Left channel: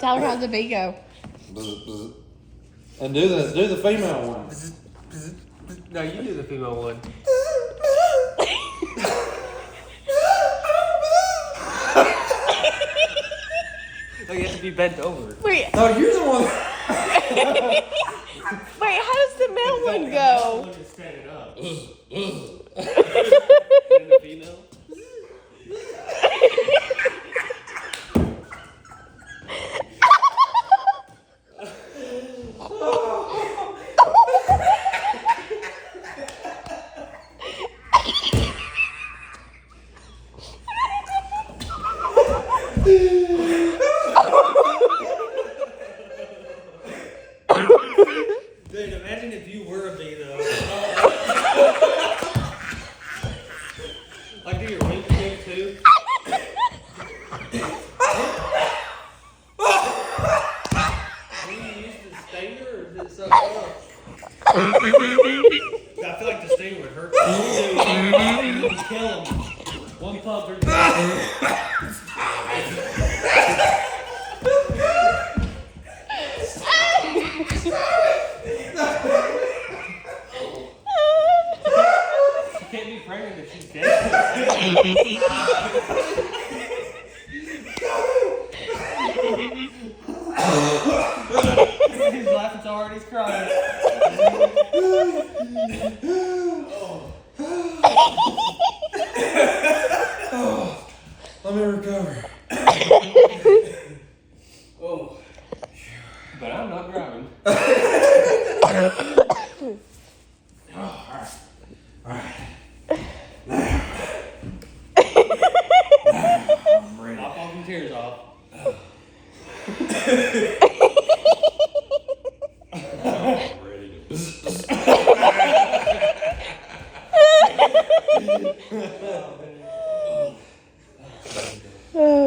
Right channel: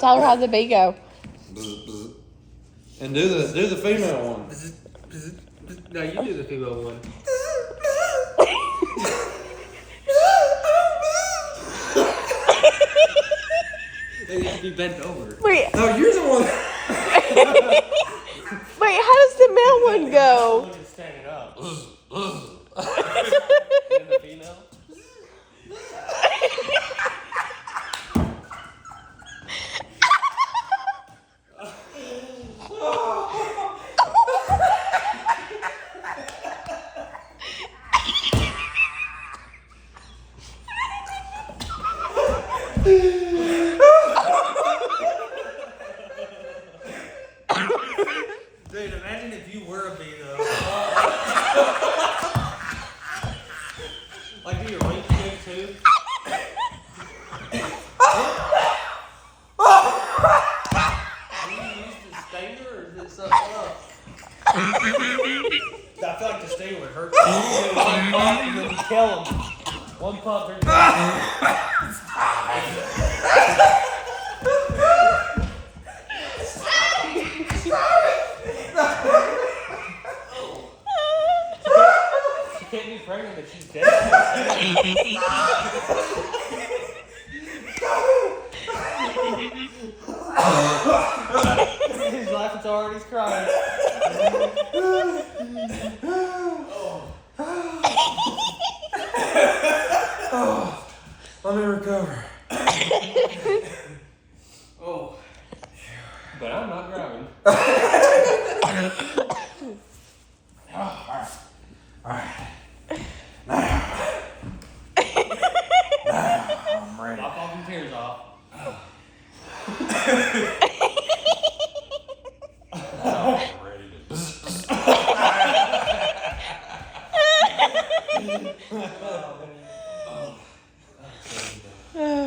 Tell her how the bee go. And do the female one. No, you do the female one. You have to be bent over. Wait, No, you're the one. wait, how does the male one go? One is standing up. And the female? Dude, imagine if you were a bee though. Like, do your wings go too? Do you use the stinger or is it something else? I feel like the stinger would hurt you. You kill them. One puff or She can't be pregnant if she's dead. He's laughing so hard he's crying. Let me recover. Oh. But I'm not driving. Alright. I'm ready. Knock all them tears off. I'm ready to.